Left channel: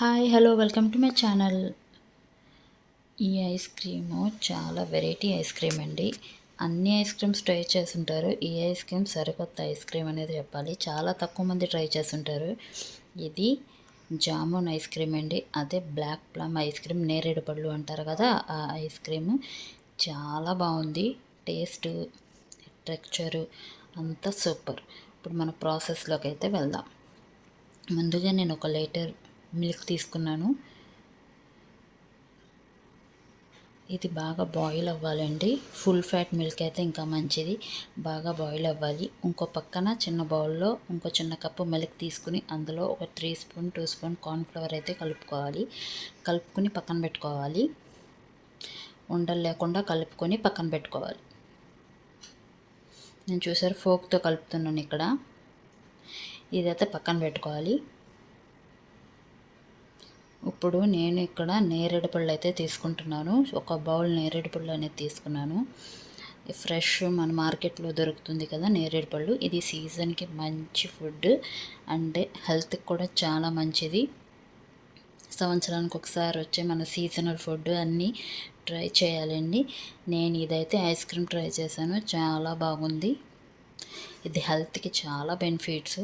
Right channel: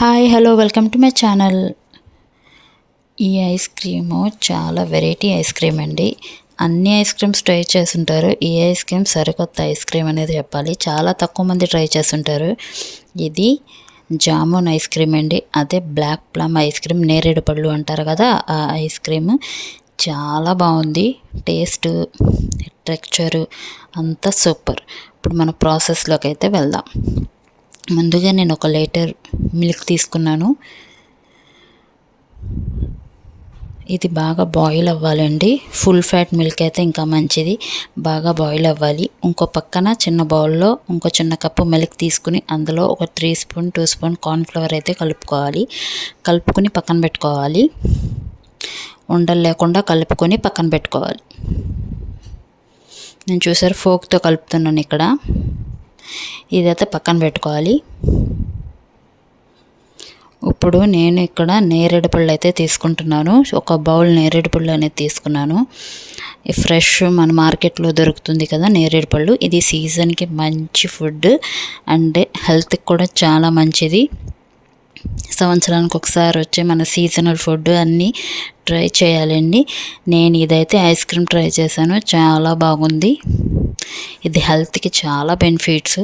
Hi hello welcome to my channel. ఈ ice cream చాలా variety ice cream అండి. అన్ని ఐస్ క్రీమ్స్ ట్రై చేస్తుంటారు. ఈ ఐస్ క్రీమ్ సరికొత్త ఐస్ క్రీమ్ అనేది చెప్పాలి. చాలా తక్కువ మంది ట్రై చేస్తుంటారు. ఇది జామున్ ఐస్ క్రీమ్ అండి. అదే బ్లాక్ ప్లమ్ ఐస్ క్రీమ్ నేరేడు పళ్ళు అంటారు కదా ఆ ఐస్ క్రీమ్. చాలా బాగుంది. టేస్ట్ టెక్చరు అంతా సూపర్. ఇప్పుడు మన ప్రాసెస్లోకి అయితే వెళ్దాం. ముందుగా నేను ఒక లీటర్ మిల్క్ తీసుకున్నాను. ఇది బాగా బాయిల్ అవ్వాలండి. ఫుల్ ఫ్యాట్ మిల్క్ అయితే ఇంకా మంచిది. బాగా బాయిల్ అవ్వాలి. ఇంకో పక్కన చిన్న బౌల్లో ఇంకో చిన్న కప్పు మిల్క్ తీసుకుని అందులో ఒక three spoon two spoon cornflour అయితే కలుపుకోవాలి. కలుపుకొని పక్కన పెట్టుకోవాలి. ఉండలు లేకుండా కలుపుకొని పక్కన పెట్టుకోవాలి. నేను చూసారు ఫోక్తో కలుపుతున్నాను ఇక్కడ. ఇదైతే పక్కన పెట్టుకోవాలి. ఇప్పుడు నేను ఇక్కడ నేరేడు పళ్ళు అయితే తీసుకుంటున్నాను. ఒక బౌల్ నేరేడు పళ్ళు అనేది తీసుకున్నాను. ఫ్రెష్ మన మార్కెట్లో దొరుకుతుంది కదా నేరేడు పళ్ళు. ఇది సీజన్కి మంచి ఫుడ్ అండ్ హెల్త్కి కూడా చాలా మంచిది. సంవత్సరానికి ఒకసారి వచ్చే మన సీజనల్ ఫుడ్ అన్నీ ట్రై చేయాలండి. నేను ఇదైతే ఐస్ క్రీమ్ ట్రై చేశాను. చాలా బాగుంది. ఇది హెల్త్కి చాలా బెనిఫిట్స్.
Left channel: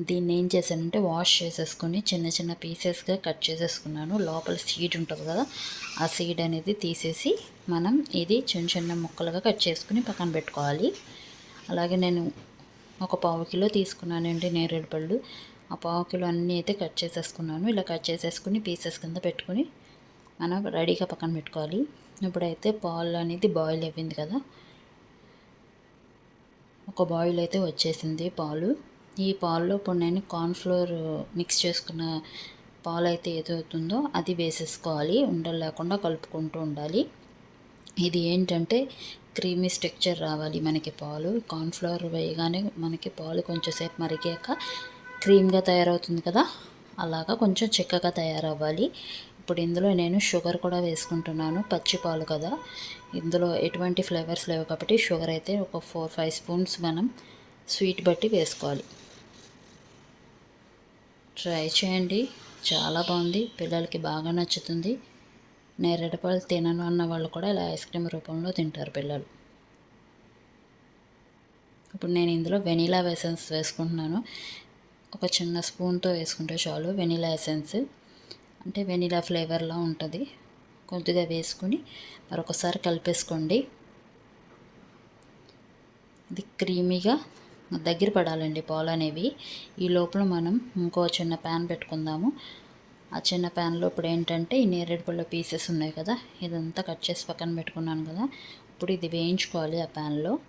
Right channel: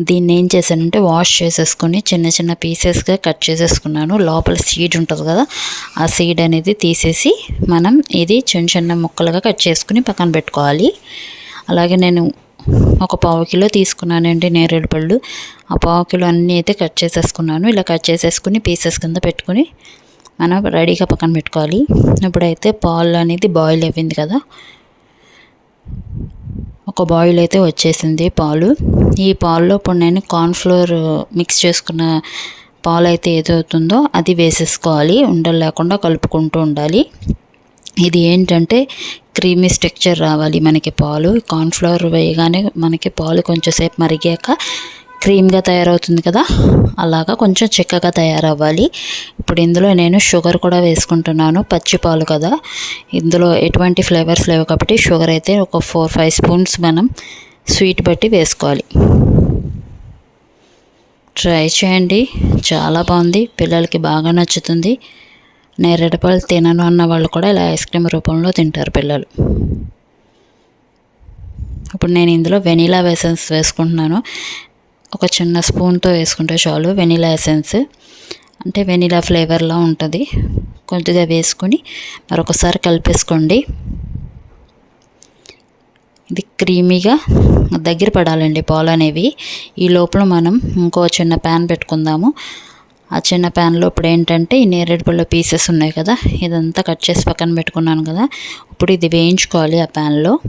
దీన్ని ఏం చేశానంటే వాష్ చేసేసుకొని చిన్న చిన్న పీసెస్గా కట్ చేసేసుకున్నాను. లోపల సీడ్ ఉంటుంది కదా ఆ సీడ్ అనేది తీసేసి మనం ఇది చిన్న చిన్న ముక్కలుగా కట్ చేసుకుని పక్కన పెట్టుకోవాలి. అలాగే నేను ఒక పావు కిలో తీసుకున్నానండి నేరేడు పళ్ళు. ఆ పావు కిలో అన్నీ అయితే కట్ చేసేసుకున్నాను. ఇలా కట్ చేసేసుకుని పీసెస్ కింద పెట్టుకుని మనం రెడీగా పక్కన పెట్టుకోవాలి. ఇప్పుడైతే పాలు అనేది బాయిల్ అయిపోయింది కదా ఒక బాయిల్ అయితే వచ్చేసింది పాలు. ఈ పాల్లో ఇప్పుడు నేను కార్న్ఫ్లోర్ మిక్స్ చేసుకున్న పాలు అయితే ఏదవుతుందో అది వేసేసుకోవాలి. ఉండలు లేకుండా కలుపుకుంటూ ఉండాలి. ఇది ఏంటంటే క్రీమీ స్ట్రక్చర్ రావాలి మనకి పాలు. కార్న్ఫ్లవర్ వేయగానే మనకి పాలు కొంచెంసేపు మరిగాక క్రీమ్గా తయారవుతుంది కదా? అలాగా కొంచెం చిక్కగా తయారవ్వాలి. ఇప్పుడు ఇందులో నేను షుగర్ కూడా వేసుకుంటున్నాను పచ్చి పాలు కదా. ఇందులో ఎటువంటి ఫ్లేవర్స్ లేవు కాబట్టి షుగర్ అయితే ఒక ఫోర్ ఫైవ్ స్పూన్స్ మనం స్వీట్ బట్టి వేసుకోవాలి. ట్రై చేయండి. చాలా బాగుంది. పిల్లలకి బాగా నచ్చుతుంది. నేరేడుపళ్ళు తినను అన్న వాళ్ళు కూడా ఇలా ఐస్ క్రీమ్ రూపంలో తింటారు పిల్లలు. ఇప్పుడు నేను ఇందులో వెనీలా వేసన్స్ వేసుకుంటున్నాను. ఒక చిన్న స్పూన్తో వేసుకుంటే చాలు వెనీలా ఎసెన్స్. అంటే వెనీలా ఫ్లేవర్లా ఉంటుంది. కొద్దిగా వేసుకొని మరొకసారి కలిపేసుకోండి. ఇది క్రీమీగా దగ్గర పడాలండి పాలు అనేవి. ఈ లోపల మనం ఇంకో చిన్న ప్యాన్ పెట్టుకుందాము. ఆ చిన్న ప్యాన్లో ఇప్పుడు ఏంటంటే ఈ నేరేడు పళ్ళ పీసెస్ ఉన్నాయి కదా ఇదంతా కట్ చేసి పక్కన పెట్టుకున్నాను కదా ఇప్పుడు ఇది వేయించుకోవాలి ఆ ప్యాన్లో.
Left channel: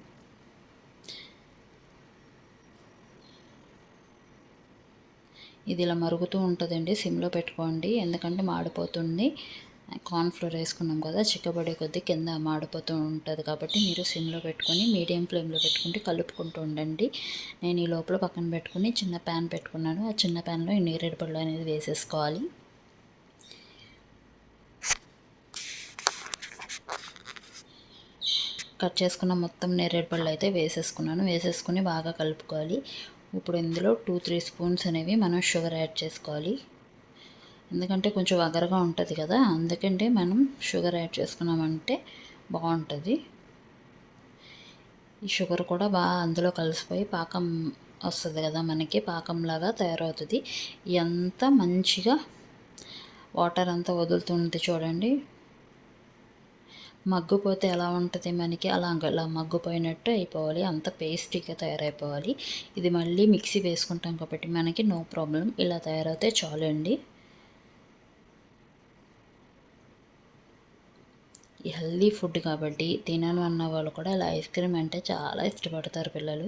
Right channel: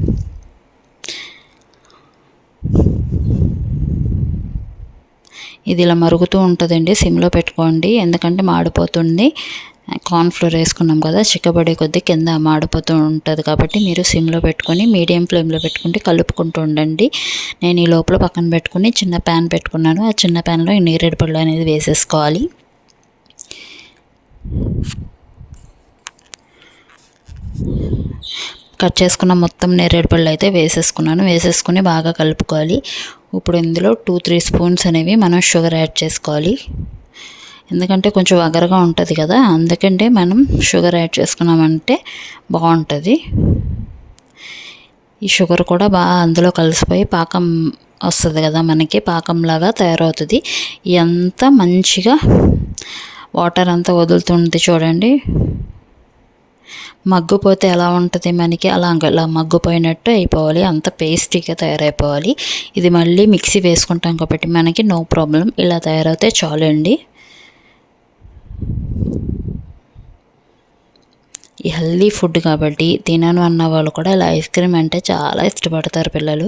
ఇది ఇలా మరుగుతూ ఉంటుందండి సిమ్లో పెట్టుకోండి. ఎందుకంటే మాడిపోతుంది. కార్న్ఫ్లోర్ వేసుకున్నాం కదా చిక్కబడే కొద్దీ కింద మాడిపోతూ ఉంటుంది కాబట్టి మీరు సిమ్లో పెట్టుకొని మీడియం ఫ్లేమ్లో పెట్టుకుంటే కలుపుకుంటూ ఉండండి. నేను ఈ లోపల పక్కన పెట్టుకుని చిన్న ప్యాన్ పెట్టుకున్నాను. ఆ చిన్న ప్యాన్లో ఈ నేరేడు పళ్ళు అనేది వేసేసుకోవాలి. కట్ చేసుకున్న మొత్తం నేరేడు పళ్ళు అయితే వేసేసుకున్నాను. వేసేసుకుని బాగా కలుపుకోవాలి. ఇప్పుడు ఇందులో టూ త్రీ స్పూన్స్ అనేవి మనం షుగర్ యాడ్ చేసుకోవాలి. ఎందుకంటే కొంచెం వగరగా ఉంటుంది కదా అందుకంటే మనం షుగర్ యాడ్ చేసుకున్నామంటే బాగుంటుంది. ఈ షుగర్ కూడా బాగా అందులో కలిసిపోయి పాకం వస్తుంది కదా మనకి పాకంలాగా తయారవుతుంది. ఎంత మంచిగా వాటర్ అంతా వదులుతుంది చూడండి. మగ్గుపోతే ఎలా ఉంటుంది మనకి? అలా అలా మగ్గుపోయినట్టు అయిపోవాలి. అంత పేస్టీగా తయారైపోవాలి. ఇది మళ్ళీ మిక్సీ వేసుకుంటాం కాబట్టి మనకి నో ప్రాబ్లం. ఇలా తయారైతే చాలండి. ఈ హెల్దీ ఫుడ్ కాబట్టి తినను అన్న వాళ్ళు కూడా ఇలా ఐస్ క్రీమ్ అంటే చాలా ఇష్టపడతారు పిల్లలు.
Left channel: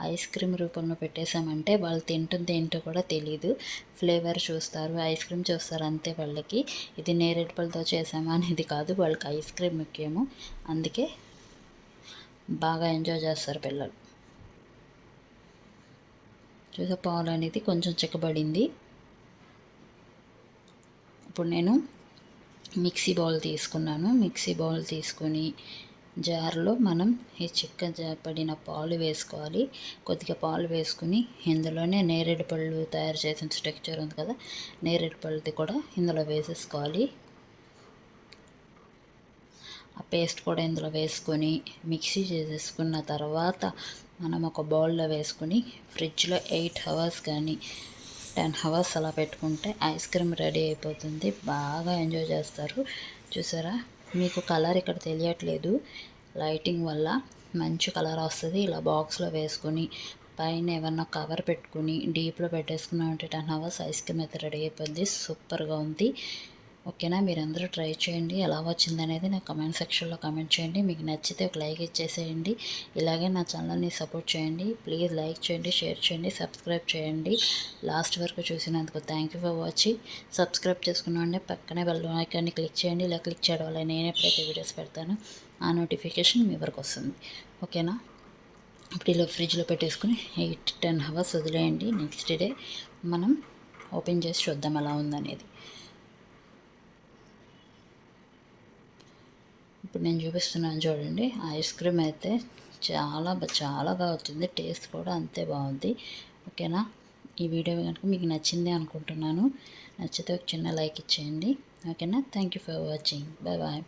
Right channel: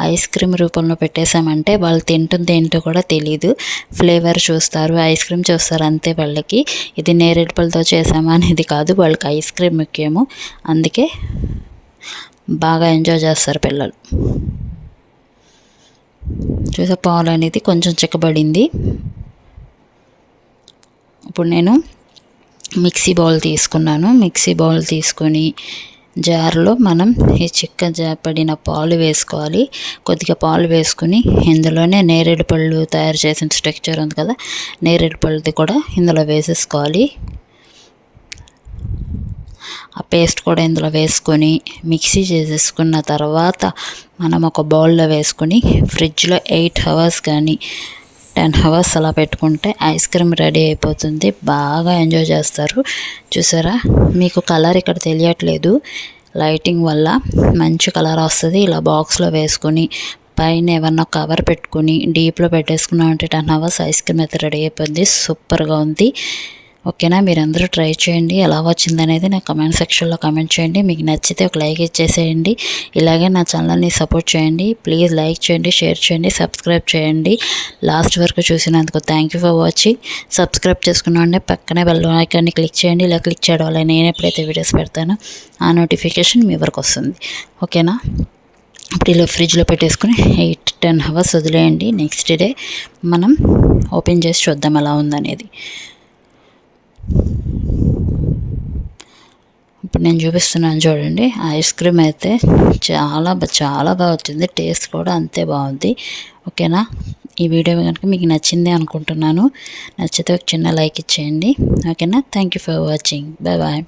ఐస్ క్రీమ్ రూపంలో పెట్టేశామంటే వాళ్ళు తింటుంది ఏంటో కూడా తెలియదు ఫ్లేవర్ చూస్తారు ఐస్ క్రీమ్ చూస్తారు అంతే వాళ్ళకి. ఇది నేరేడు పళ్ళతో చేసామా అనేది కాదు వాళ్ళకి ఐస్ క్రీమ్ ముఖ్యము. అందుకే బాగా ఎంజాయ్ చేస్తారు పిల్లలు. చూసే పాలు అనేది కొంచెం చిక్కబడింది. ఇప్పుడు నేను మిక్సీ బౌల్ తీసుకున్నాను. మిక్సీ బౌల్ తీసుకొని జార్లో మనం ఈ చిక్క జాపడిన పాలు వేసుకోవాలి. కొద్దిగా పాలు వేసుకుని ఇందులోనే నేరేడు పళ్ళు తయారు చేసిన స్ట్రక్చర్ ఉంది కదా నేరేడు పళ్ళది కూడా ఇందులో వేసేసుకోవాలి. ఆ పేస్ట్ కూడా ఇందులో వేసుకొని మిక్సీ చేసేసుకున్న తర్వాత మనం ఒక బౌల్లో వేసుకొని ఫ్రిడ్జ్లో ఎయిట్ అవర్స్ కానీ టెన్ అవర్స్ అలా పెట్టుకుంటే ఐస్ క్రీమ్ రెడీ అయిపోతుంది. బాగా ఎంజాయ్ చేస్తారు. చూసారా? మీకు కలర్ ఇక్కడ తెలియట్లేదు. లైటింగ్ వల్ల మంచి కలర్ వస్తుంది. ఇలా బాక్స్లో వేసుకొని పైన ఏమన్నా కవర్ పెట్టుకుని డీప్లో పెట్టేసుకున్నామంటే టెన్ అవర్స్ ఐస్ క్రీమ్ అయితే రెడీ అయిపోయింది సూపర్గా ఉంది. ఓకేనా? మీరందరూ ట్రై చేయండి. ఎలా వచ్చింది అనేది నా కమెంట్ సెక్షన్లో కమెంట్ చేయండి. మీకు నచ్చితే ఒక లైక్ ఇచ్చేసేయండి. ఇలాగే నా ఛానల్ని సపోర్ట్ చేయండి. ప్లీజ్ లైక్ చేయండి షేర్ చేయండి సబ్స్క్రైబ్ చేయండి. లాస్ట్ వరకు చూసినందుకు thank you for watching. Subscribe చేసుకున్నాండి పక్కనే బెల్ ఐకాన్ని క్లిక్ చేయండి. ఇలా క్లిక్ చేయడం వల్ల నేను ఎప్పుడైతే వీడియోస్ పెడతానో ఆ నోటిఫికేషన్ మీ వరకు వస్తుంది. ఓకేనా? ఇప్పుడు ఇలా ఫ్రిడ్జ్లో పెట్టేసుకుని ఎయిట్ టెన్ అవర్స్ వదిలేయండి. నెక్స్ట్ డే మనం ఓపెన్ చేసి చూద్దాం ఎలా ఉందనేది. ఇప్పుడు నేను చూపిస్తున్నాను చూడండి. ఐస్ క్రీమ్ అయితే చాలా చాలా బాగా వచ్చింది. టేస్ట్ కూడా అంతే బాగుంది. ఓకేనా? ఈ వీడియో కనుక మీకు నచ్చింది అనుకుంటున్నాను. నచ్చితే ఒక చిన్న లైక్ ఇచ్చేయండి. ఓకేనా? Thank you for watching. Bye bye.